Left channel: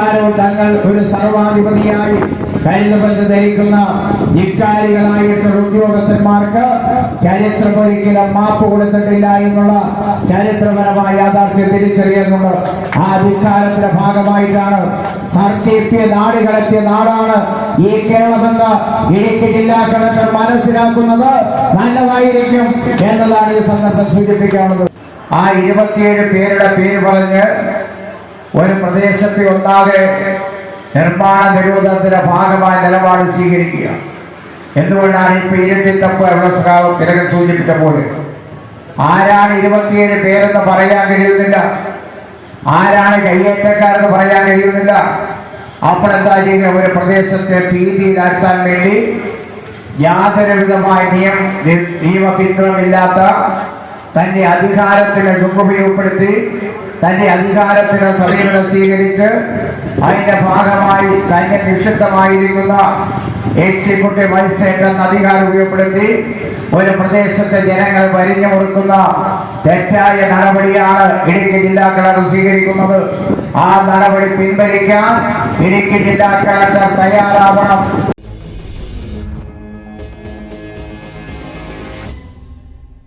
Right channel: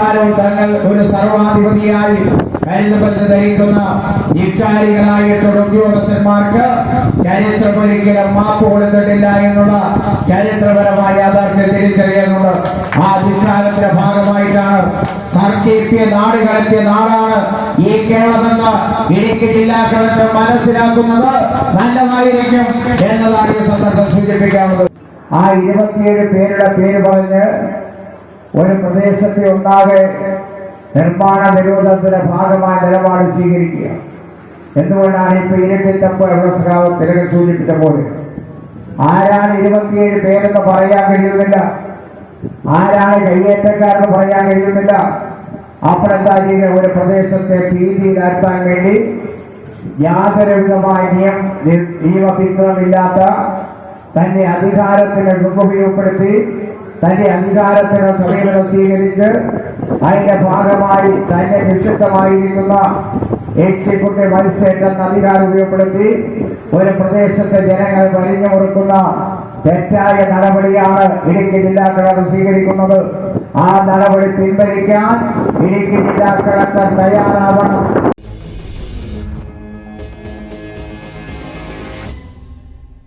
കാലവും തങ്ങൾ ഒരു സർവാധിപതിയായി കരുതബന്ധ ധരിക്കുന്ന ഇക്കാരികളായിട്ടുള്ള ഉദ്യോഗസ്ഥന്മാർക്ക് ചരിത്രം ഒരിക്കലും മാപ്പ് കൊടുത്തിട്ടില്ല എന്നുള്ള ചരിത്രപരമായ യാഥാർത്ഥ്യം തിരിച്ചറിയുന്നുണ്ട്. ആ ധിക്കാരത്തിന്റെ ഭാഗമായിട്ടാണ് സർശിപ്പിയ നാടുകളെത്തിയ നാടാണ് ഈ കേരളമെന്ന് ഇടുക്കി ജില്ലാ കളക്ടർ മനസ്സിലാക്കുന്നത് നല്ലതായിരിക്കും എന്നതാണ് ഈ സന്ദർഭം സൂചിപ്പിക്കാവുന്നത്. ആ 27 പേരുടെ പേര് പറഞ്ഞ് ഒരു പ്രദേശത്തെ ഒന്നാകെ നിർമ്മാണ നിരോധനത്തിന്റെ ഭാഗമായ നിലപാട് സ്വീകരിക്കുക. എന്തുകൊണ്ടാണ് ഇപ്പൊ ഇരട്ടിത്തപ്പ് എവറസ്കാവ് തിലകൻ സൂചിപ്പിച്ച പോലെ ആരാണ് 27 പേരെന്ന് പറയാൻ കഴിയുന്നില്ല, ആരാണ് കയ്യേറ്റക്കാരെന്ന് പറയാൻ കഴിയുന്നില്ല. അപ്പോഴെന്താ ചെയ്യുക? ഒരു പ്രദേശത്തെ ഭീതിയിലാഴ്ത്താൻ വേണ്ടി യാതൊരുവിധമായ നിയമപിന്തുണമില്ലാത്ത തന്റെ അധികാരത്തിന് ദുരുപയോഗപ്പെടുത്തി തന്റെ അധികാരത്തിന് സമീപനം സ്വീകരിച്ച് അതിന്റെ ഭാഗമായി തന്നെ നിക്ഷിപ്തമായിരിക്കുന്ന എക്സിക്യൂട്ടീവ് മജിസ്ട്രേറ്റ് എന്ന അധികാരം ഉപയോഗപ്പെടുത്തി ഒരു പ്രദേശത്തെ ജനങ്ങൾ വരിഞ്ഞു കൊടുക്കുന്ന തെറ്റായ നടപടിയാണ് ഇടുക്കി ജില്ലാ കളക്ടർ സ്വീകരിക്കുന്നത്. ആ നടപടി പിൻവലിക്കാൻ ഇടുക്കി ജില്ലാ കളക്ടർ തയ്യാറാവണം.